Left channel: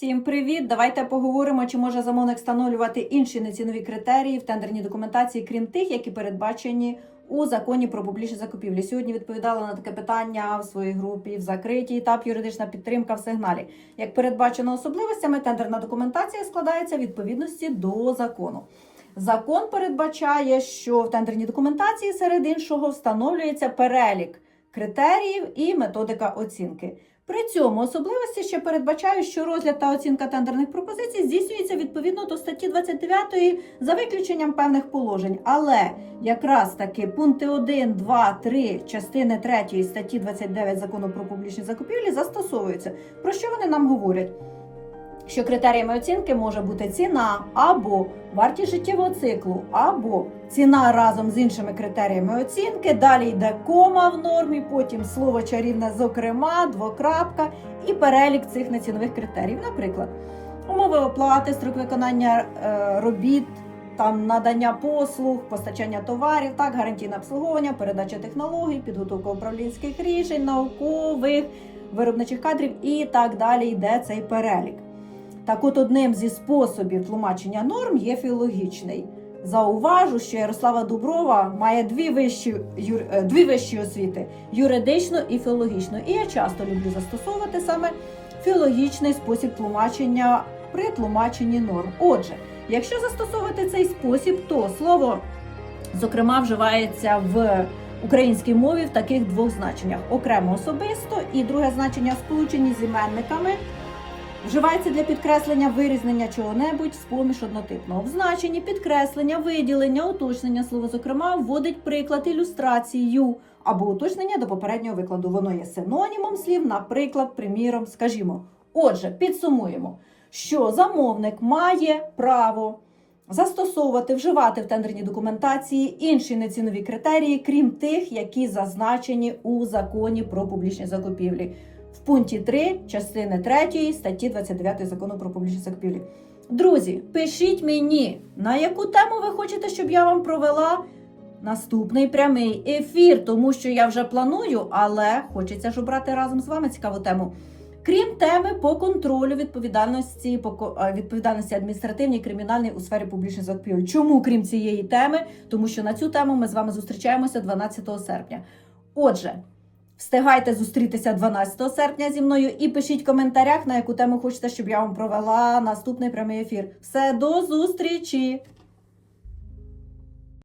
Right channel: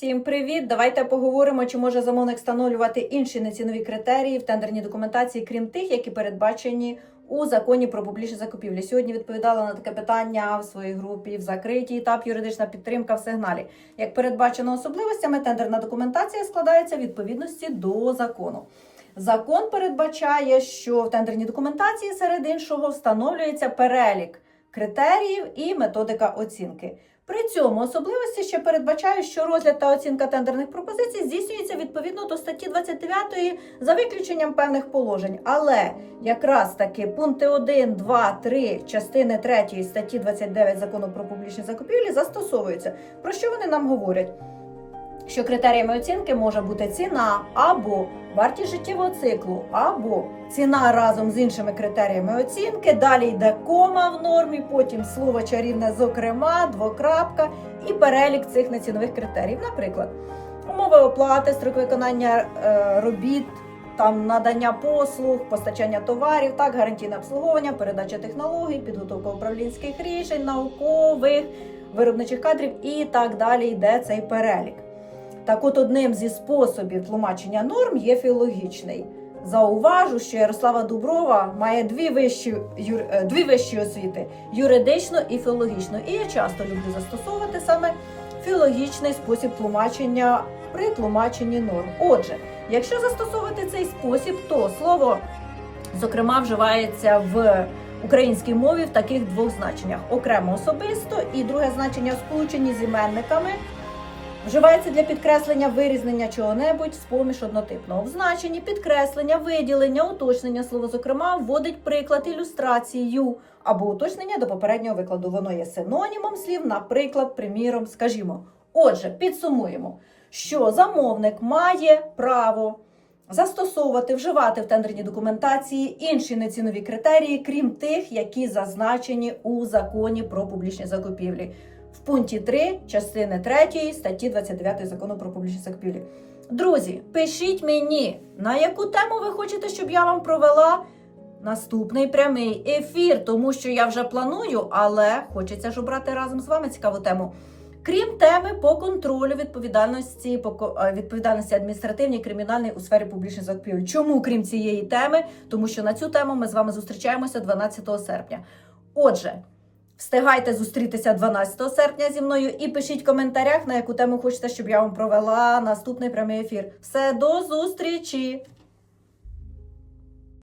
Всім привіт! Давайте поговоримо, чи може замовник встановлювати інші нецінові критерії в тендерній документації, крім тих, які передбачені у законі про публічні закупівлі. Сьогодні відповідала на таке питання в своїй групі в закритій етап юридична підтримка в сигналі. Як передбачено особливостями, тендерна документація складається в відповідності до закону. Закон передбачає, що в тендерній документації серед іншого встановлюється перелік критеріїв і методика оцінки. При цьому особливості ще передбачають, що розгляд та оцінка тендерних пропозицій здійснюється відповідно до статті 29 за виключенням певних положень. Але якраз таки пункти 1, 2, 3 частини 3 статті 29 закону про публічні закупівлі застосовуються. Про що вони нам говорять? Що критеріями оцінки може бути ціна або вартість життєвого циклу, або ціна разом з іншими критеріями оцінки. Далі йде кома в нормі, потім слово чарівне, зокрема, двокрапка і перелік цих нецінових критеріїв. Наприклад, умови оплати, строк виконання е, робіт. Там надання послуг, постачання товарів, так, гарантійне обслуговування, передача технологій, підготовка управлінських рішень, наукових, виробничих кадрів і так далі йде цей перелік. Так от одним зі способів тлумачення норм є філологічний. Зауважу, що Ярослава Дуброва має дві вищі, юр, е, дві вищі освіти юридичну і філологічну. І я часто люблю застосовувати саме філологічний спосіб тлумачення при тлумаченні норм. Отже, якщо застосовувати цей спосіб, то слово зокрема вживається в українській мові в таких двох значеннях: окремо особисто і друге значення в сполученні з іменниками. Вживається для підкреслення вирізнення чого-небудь з поміж однотипного. В значенні підкреслення, виділення, уточнення слово, зокрема, вводить приклад ілюстрацію або уточнення до попереднього викладу. Воно є синонімом слів, наприклад, приміром, скажімо. Отже, підсумуємо, що замовник має право застосовувати, вживати в тендерній документації інші нецінові критерії, крім тих, які зазначені у законі про публічні закупівлі в пункті 3 частини 3 статті 29 закону про публічні закупівлі. Друзі, пишіть мені, на яку тему ви хочете, щоб я вам провела наступний прямий ефір, тому що я вже планую, але хочеться ж обрати разом з вами цікаву тему. Крім теми по контролю відповідальності по е, відповідальності адміністративній і кримінальній у сфері публічних закупівель. Чому крім цієї теми? Тому що на цю тему ми з вами зустрічаємося 12 серпня. Отже, Встигайте зустрітися 12 серпня зі мною і пишіть в коментарях, на яку тему хочете, щоб я вам провела наступний прямий ефір. Все, до зустрічі!